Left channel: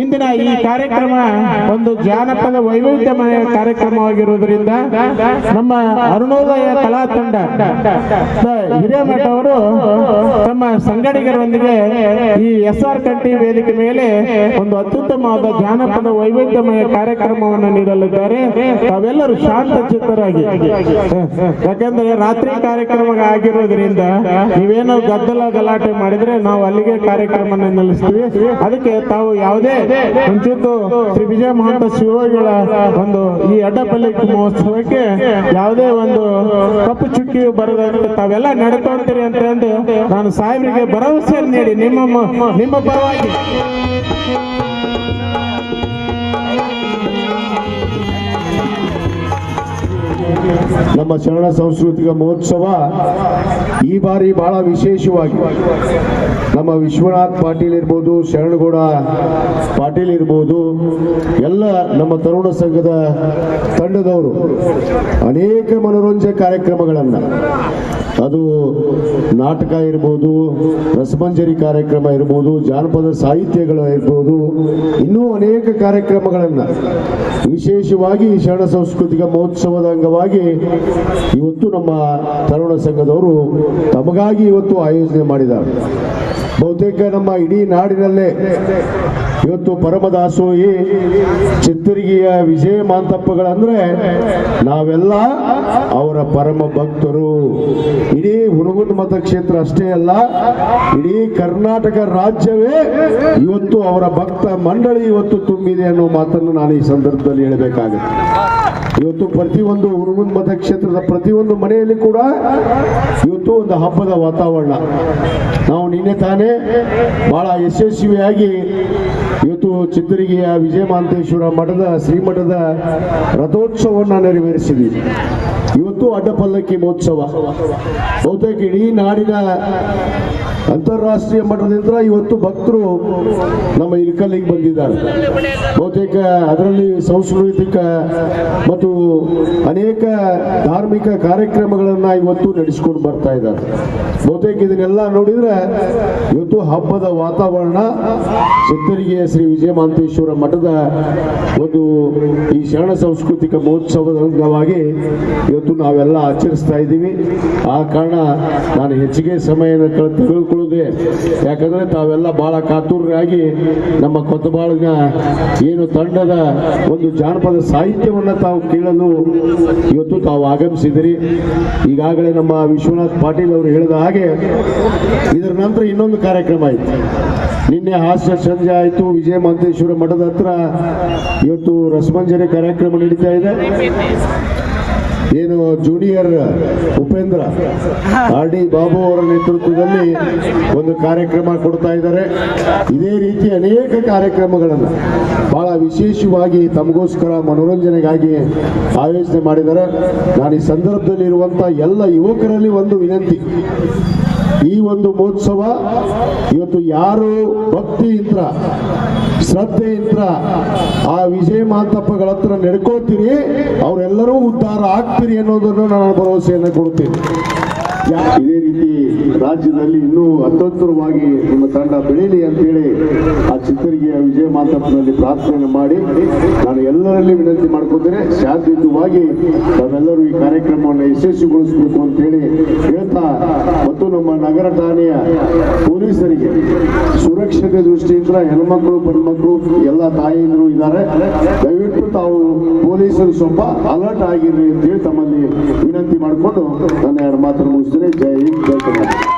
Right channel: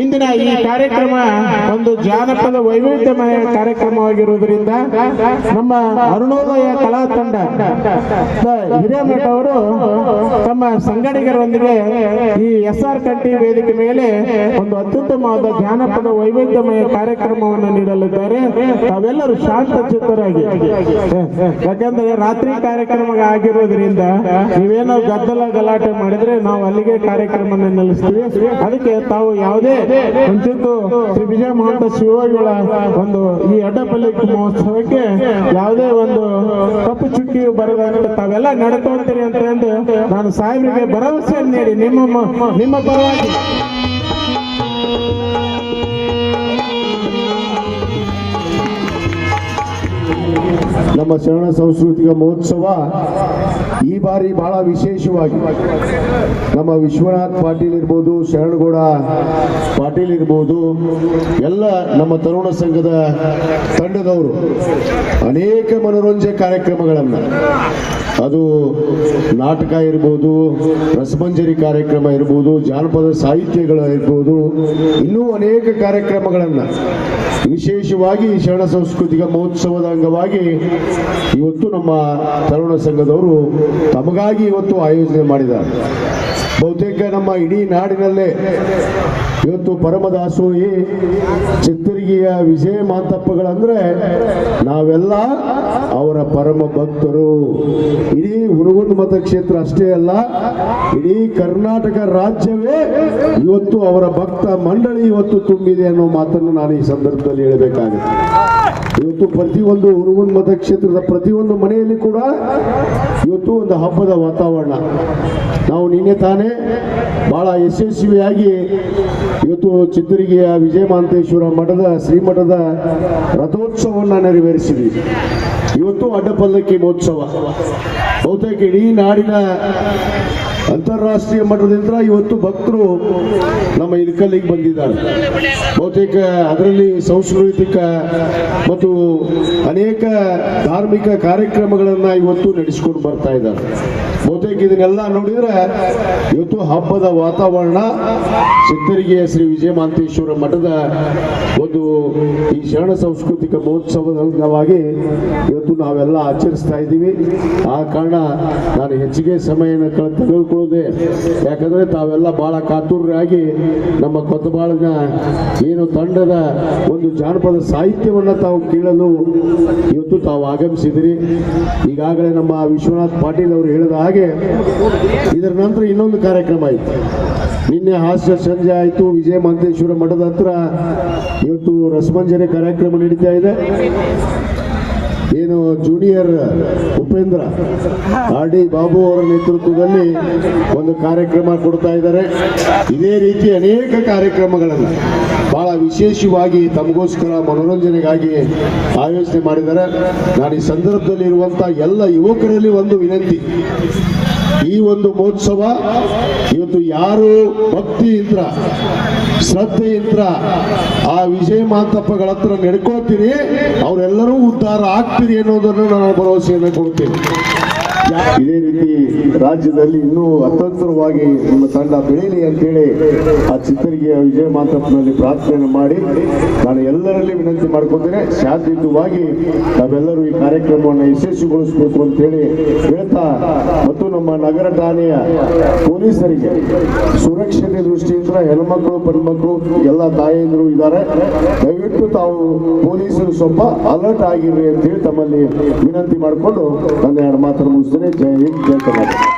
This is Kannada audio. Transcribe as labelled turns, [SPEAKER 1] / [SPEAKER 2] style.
[SPEAKER 1] ಇಂದಿನ ಈ ಕಾರ್ಯಕ್ರಮ ಒಂದು ಜಾನಪದ ವೈವಿಧ್ಯಮಯ ಕಾರ್ಯಕ್ರಮವಾಗಿರುವುದರಿಂದ ನಮ್ಮ ಅರುಣೋದಯ ಕಲಾ ತಂಡ ಹಿರೇಮಠ ಅವರು ತಮ್ಮ ಸಂಗಡಿಗರೊಂದಿಗೆ ಈ ಎಸ್ ಆರ್ ಕಟ್ಟಿ ವೇದಿಕೆ ಮೇಲೆ ಒಂದು ಅತ್ಯುತ್ತಮವಾದ ಜಾನಪದ ವೈವಿಧ್ಯಮಯ ಕಾರ್ಯಕ್ರಮವನ್ನು ನೀಡಲಿದ್ದಾರೆ. ತಾವೆಲ್ಲರೂ ಶಾಂತ ಚಿತ್ತರಾಗಿ ಯಾಕಂದ್ರೆ ರಾತ್ರಿ ಕಾರ್ಯಕ್ರಮ ಆಗಿರೋದ್ರಿಂದ ನೀವೇನೋ ಗದ್ದಲ ಗಲಾಟೆ ಮಾಡಿದ್ರೆ ನಾವು ಅಲ್ಲಿಗೆ ಕಾರ್ಯಕ್ರಮ ನಿಲ್ಲಿಸ್ತೀವಿ. ಅದಕ್ಕೆ ತಾವು ಯಾವುದೇ ಮುಂಚಿತ್ತು ಶ್ರೀ ವಿಜಯ ಮಹಂತ ಶಿವಗಳ ಒಂದು ಈ ಅಡ್ಡಪಲ್ಲಿ ಮಹೋತ್ಸವಕ್ಕೆ ಯಾವುದೇ ಒಂದು ಕಪ್ಪು ಚುಕ್ಕಿ ಬರದಂತೆ ತಾವೆಲ್ಲ ನಡ್ಕೊಂತೀರಿ ಅಂತ ನಾನು ಸಾಹೇಬರಿಗೆ ಭರವಸೆಯನ್ನು ನೀಡಿ ನಿಮ್ಮ ನಿಮ್ಮ ಪರವಾಗಿ.
[SPEAKER 2] ನಮ್ಮ ಶರಣ ಸಾಂಸ್ಕೃತಿಕ ಮಹೋತ್ಸವ ಈ ಬಾರಿ ಬಹಳ ವಿಶೇಷವಾಗಿ. ನಮ್ಮ ವಿಶ್ವನಾಥ್ ಪಾಟೀಲ್ ಇರ್ಬೋದು, ಶರಣಗೌಡ ಪಾಟೀಲ್ ಇರ್ಬೋದು, ಎಲ್ಲ ನಮ್ಮ ತರುಣ ಸಂಘದ ತಂಡದವರು ಅನೇಕ ಮನೋರಂಜನೆ ಕಾರ್ಯಕ್ರಮಗಳನ್ನು ಅದು ನಾಟಕ ಇರ್ಬೋದು, ರಸಮಂಜರಿ ಕಾರ್ಯಕ್ರಮ ಇರ್ಬೋದು, ಜಾನಪದ ಸಾಹಿತ್ಯಗಳು ಇರ್ಬೋದು, ಇನ್ನೂ ಅನೇಕ ಕಾರ್ಯಕ್ರಮಗಳನ್ನು ವಿಶೇಷವಾಗಿ ಶರಣ ಸಾಂಸ್ಕೃತಿಕ ಮಹೋತ್ಸವದ ಅಂಗವಾಗಿ ಇವತ್ತು ನಮ್ಮ ತರುಣ ಸಂಘದವರು ತಮಗಾಗಿ ಇವತ್ತು ಆಯೋಜನೆ ಮಾಡಿದ್ದಾರೆ. ಬಹುತೇಕ ನಮ್ಮ ಇಡೀ ನಾಡಿನಲ್ಲೇ ಇವತ್ತು ಪರಮದಾಸೋಹಿ ಚಿತ್ತರಿಗೆಯ ವಿಜಯ ಮಾಂತಪ್ಪಗಳಂದ್ರೆ ನಾವೆಲ್ಲ ಅವರ ಪರಮ ಭಕ್ತರು. ಇಡೀ ಹುಡುಗನ ಮತಕ್ಷೇತ್ರ ಅಷ್ಟೇ ಅಲ್ಲ, ಇಡೀ ಕರ್ನಾಟಕ ರಾಜ್ಯವೇ ಇವತ್ತು ಅವರ ಭಕ್ತ ಮಂಡಳಿ ಇವತ್ತು ತುಂಬಿದೆ ಅನ್ನೋ ಮಾತನ್ನು ನಾನು ಈ ಸಂದರ್ಭದಲ್ಲಿ ಹೇಳಬೇಕಾಗುತ್ತೆ. ಇವತ್ತು ಪ್ರತಿಯೊಂದು ಹುಡುಗನ ಮತಕ್ಷೇತ್ರದ ಪ್ರತಿಯೊಂದು ಮನೆಯಲ್ಲಿ ಕೂಡ ಇವತ್ತು ಒಂದು ಹಬ್ಬದ ವಾತಾವರಣ. ನಾವು ನಿನ್ನೆ ತಾನೇ ಬಹಳ ಯಶಸ್ವಿಯಾಗಿ ಇವತ್ತು ಚಿತ್ತೂರಿಗೆಯ ವಿಜಯ ಮಹಾಂತೇಶ್ವರ ಮಠದ, ಶ್ರೀಮಠದ ರಥೋತ್ಸವವನ್ನು ನೆರವೇರಿಸಿದ್ವಿ. ಇವತ್ತು ಅಡ್ಡಪಲ್ಲಕ್ಕಿ ಮಹೋತ್ಸವ. ಬಹುತೇಕ ಇಡೀ ನಾಡಿನ ಅಂತಾರಾಷ್ಟ್ರೀಯ ಮಟ್ಟದಿಂದ ಇವತ್ತು ಭಕ್ತರು ನಮ್ಮ ಇಲ್ಕಲ್ಲಿಗೆ ಬಂದಿದ್ದಾರೆ. ಬಹುತೇಕ ಅದರಲ್ಲಿ ಸಾಂಸ್ಕೃತಿಕ ಮತ್ತು ಅನೇಕ ಧಾರ್ಮಿಕ ಕಾರ್ಯಕ್ರಮಗಳನ್ನು ಇವತ್ತು ನಡೆಸ್ಕೊಂಡು ಬರ್ತಾ ಇದ್ದಾರೆ. ಬಹುತೇಕ ಇದನ್ನೆಲ್ಲ ನೋಡಿದ್ರೆ ಇವತ್ತು ಹಬ್ಬದ ವಾತಾವರಣ ಚಿತ್ತರಿಗೆ ಶ್ರೀ ವಿಜಯ ಮಹಾಂತೇಶ್ವರ ಮಠದ ಒಂದು ಈ ಶರಣ ಸಾಂಸ್ಕೃತಿಕ ಮಹೋತ್ಸವದ ಅಂಗವಾಗಿ ಇವತ್ತು ನಾವೆಲ್ಲ ಆಚರಿಸ್ತಾ ಇದ್ದೀವಿ. ಆ ಕಾರಣ ನಾನು ಹೆಚ್ಚಿಗೆ ಸಮಯ ಕಳ್- ತೆಗೆದುಕೊಳ್ಳದೆ ಯಾಕಂದ್ರೆ ತಾವೆಲ್ಲ ಬಹಳ ಕಾತುರರಾಗಿ ನಮ್ಮ ಕೊತ್ತಬಾಳಿನ ಏನು ತಂಡದ ಒಂದು ಜಾನಪದ ಸಾಹಿತ್ಯವನ್ನು ತಾವು ಕೇಳಲು ಇವತ್ತು ತಾವು ಆಗಮಿಸಿದಿರಿ. ಈಗಾಗಲೇ ನಮ್ಮ ವಿಶ್ವನಾಥ್ ಪಾಟೀಲ್ ಅವರು ಹೇಳಿದ ಹಾಗೆ ಇದರ ನಂತರ ಇನ್ನೊಂದು ಕಾರ್ಯಕ್ರಮ ಆಯಿತು. ನಿನ್ನೆ ಹಾಸ್ಯ ಸಂಜೆ ಆಯಿತು. ವಿಜಯ ಮಹಂತೇಶ್ವರ ಮಠದ ಹತ್ರ ಇವತ್ತು ರಸಮಂಜರಿ ಕಾರ್ಯಕ್ರಮ ನಡೀತಾ ಇದೆ. ಏನು junior Upendra, R D Babu ಅವರ ನೇತೃತ್ವದಲ್ಲಿ ಒಂದು ಕಾರ್ಯಕ್ರಮ ಕೊಡ್ತಾ ಇದ್ದಾರೆ. ಇದೇ ರೀತಿ ಅನೇಕ ಕಾರ್ಯಕ್ರಮಗಳನ್ನು ವಿಶೇಷವಾಗಿ ತಮಗೋಸ್ಕರ ಮನೋರಂಜನೆಗಾಗಿ ಆಯೋಜನೆ ಮಾಡಿದ್ದಾರೆ. ನಾನು ಈ ಸಂದರ್ಭದಲ್ಲಿ ಇರುವಂತ ಎಲ್ಲ ಯುವಕರಲ್ಲಿ ಒಂದು ವಿನಂತಿ. ಈ ಒಂದು ಮಹೋತ್ಸವ ಇವತ್ತು ಯಾರು ಭಕ್ತಿಯಿಂದ ಶ್ರದ್ಧೆಯಿಂದ ಆ ವಿಜಯ ಮಾಂತಪ್ಪಗಳ ಹತ್ರ ನಡ್ಕೋತೀರಿ, ಅವರೆಲ್ಲರೂ ಉದ್ಧಾರ ಆಗ್ತೀರಿ ಅನ್ನೋದನ್ನು ನಾನು ಭರವಸೆಯನ್ನು ಕೊಡ್ತೀನಿ ಇದೇ ರೀತಿ ರಾಜ್ಯದಲ್ಲಿ ಇನ್ನೂ ಅತ್ಯುತ್ತರವಾಗಿ ನಮ್ಮ ತಂಡ ಬೆಳೀಲಿ ಅಂತೇಳಿ ಆ ಚಿತ್ತರಿಗೆಯ ವಿಜಯ ಮಾತಪ್ಪನಲ್ಲಿ ಪ್ರಾರ್ಥನೆ ಮಾಡಿ ನಾನು ಎಲ್ಲರಲ್ಲಿ ವಿನಂತಿ ಮಾಡ್ಕೊತೇನೆ, ಶಾಂತಿಯುತವಾಗಿ ನಾವೆಲ್ಲರೂ ಈ ಕಾರ್ಯಕ್ರಮವನ್ನು ಯಶಸ್ವಿಗೊಳಿಸಬೇಕು ಅಂತೇಳಿ ಹೇಳ್ತಾ ಮತ್ತು ನಮ್ಮ ನಗರ ಠಾಣೆಯ ಪೊಲೀಸರಿಗೆ ಸುರಕ್ಷತೆ ದೃಷ್ಟಿಯಿಂದ ಹೆಣ್ಮಕ್ಳು, ಪಣ್ಮಕ್ಳು, ಎಲ್ಲ ತಾಯಂದಿರು ಇದ್ದಾರೆ. ದಯವಿಟ್ಟು ತಾವು ಪೊಲೀಸರು ಸ್ವಲ್ಪ ಅಲರ್ಟ್ ಆಗಿರ್ರಿ ಅಂತೇಳಿ ತಮ್ಮಲ್ಲಿ ವಿನಂತಿ ಮಾಡಿಕೊಂಡು ನಾನು ಎರಡು ಮಾತನ್ನು ಮುಗಿಸ್ತೇನೆ. ಜೈ ಹಿಂದ್, ಜೈ ಕರ್ನಾಟಕ.